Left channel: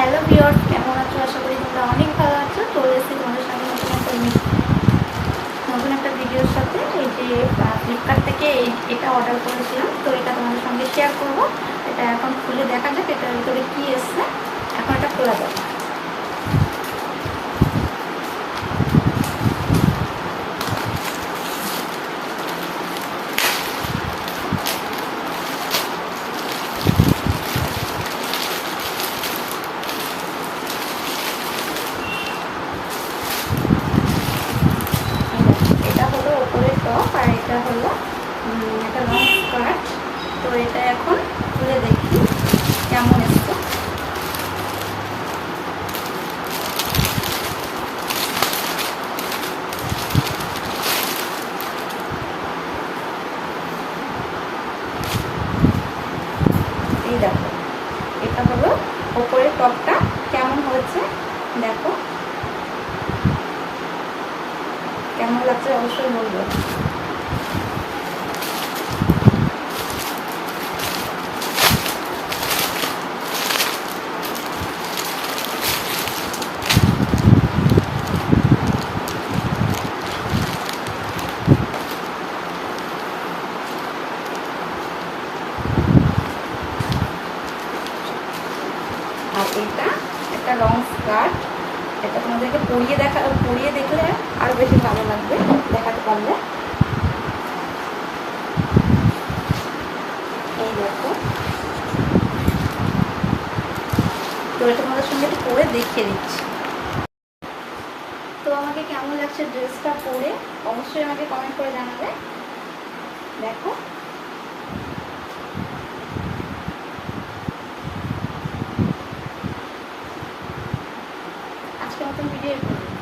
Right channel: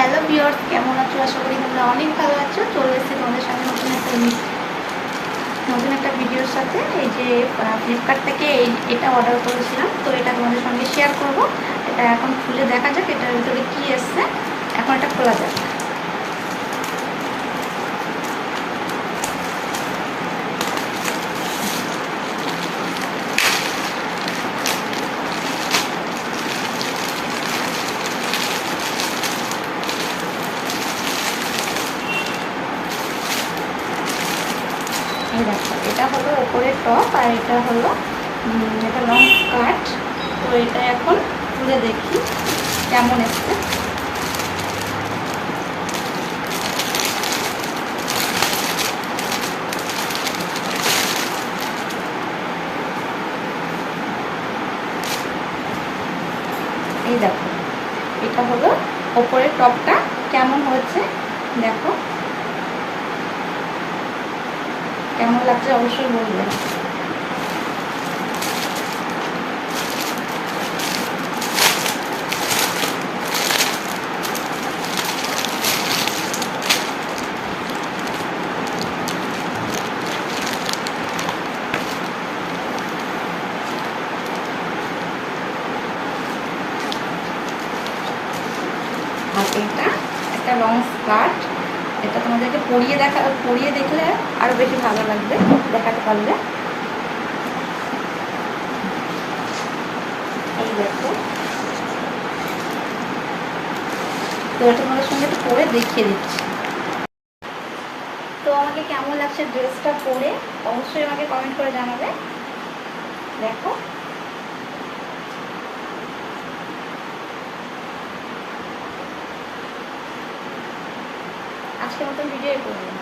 Hello viewers, কেমন আছো? আশা করি তোমরা অনেক ভালো আছো। চলে এসেছি তোমাদের সামনে নতুন একটা ভিডিওর সাথে। এই যে ফ্লিপকার্ট থেকে এটা অর্ডার করেছিলাম, তো এটা তোমাদের সঙ্গে শেয়ার করব। এটা এখন খুলে দেখা যাক এটার ভিতরে কি এসছে। এখন এটা খোলা যাক। এটা হলো ওপরের টপ, আর এটা হলো একটা লং স্কার্ট। তো এটা এখন খুলে দেখি কেমন এসছে। এই দেখো, এটা হলো ওপরের টপটা। কেমন হয়েছে দেখো, কেমন লাগছে অবশ্যই বলবে। আর এটা একটা লং স্কার্ট। এটা তোমাদেরকে পরিয়ে দেখলে আরো বেশি ভালো লাগবে, দেখাতে পারলে। এই দেখো, তো এটা তোমাদের সঙ্গে একটু পরে দেখিয়ে দিচ্ছি। তো আমাকে কেমন লাগছে ড্রেসটা পরে অবশ্যই আমাকে কমেন্ট করে জানাবে। দেখো, আজকের মতন ভিডিও করবো।